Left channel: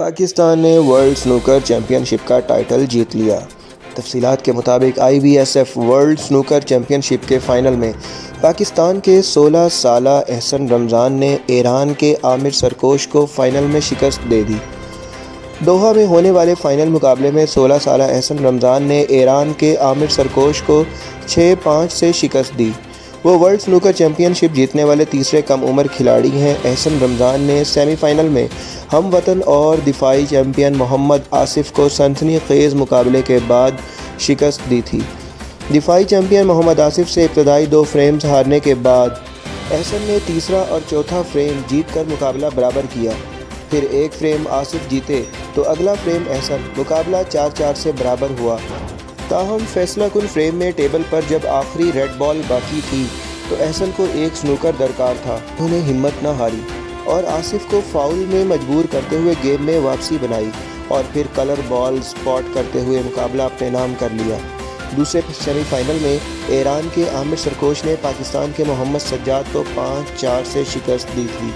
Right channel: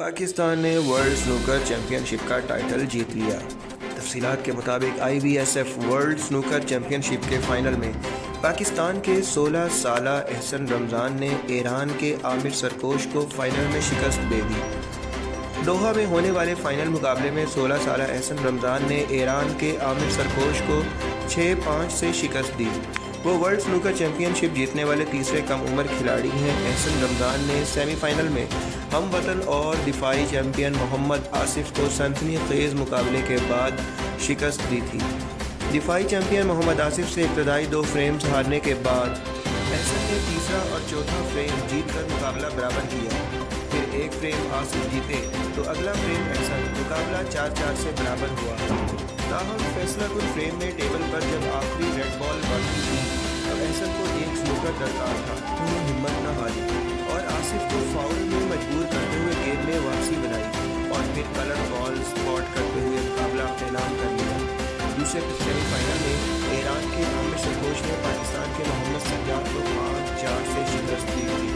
पाकिस्तान ने world snooker championship का title जीत लिया। तफसीलात के मुताबिक IBSF वर्ल्ड स्नूकर चैम्पियनशिप के फ़ाइनल में पाकिस्तान के 16 साला एहसन रमज़ान ने ईरान के आमिर सरकोश को फ़ाइनल में शिकस्त दे दी। दोहा में होने वाले फ़ाइनल मुकाबले में 16 साला एहसन रमज़ान ने ईरान के आमिर सरकोश को 6-5 से शिकस्त दी। वो वर्ल्ड स्नूकर चैम्पियनशिप जीतने वाले तीसरे कम उम्र खिलाड़ी हैं। एहसन रमज़ान ने सेमीफ़ाइनल में हम वतन और दिफाई चैम्पियन मोहम्मद आसिफ को सनसनी खेज़ मुकाबले के बाद शिकस्त दी थी। दिफाई चैम्पियन मोहम्मद आसिफ से इब्तदाई 2 फ्रेम्स हारने के बाद एहसन ने तीसरा और चौथा फ्रेम जीतकर मुकाबला बराबर किया। फिर एक फ्रेम आसिफ जीते तो अगला फ्रेम एहसन, मुकाबला 4-4 से बराबर हुआ। ताहम फैसला कुन फ्रेम में टेबल पर जब आखिरी रेड बॉल बाकी थी तो एहसन को एक स्नूकर दरकार था। उन्हें हिम्मत न हारी और आसिफ को फाउल में मजबूर करते हुए गेम में वापसी बनाई और फिर कलर बॉल स्पॉट करते हुए मुकाबला अपने नाम कर लिया। दूसरे सेमीफाइनल में ईरान के आमिर सरकोश ने पाकिस्तान के मोहम्मद सज्जाद को 5-4 से शिकस्त दी थी।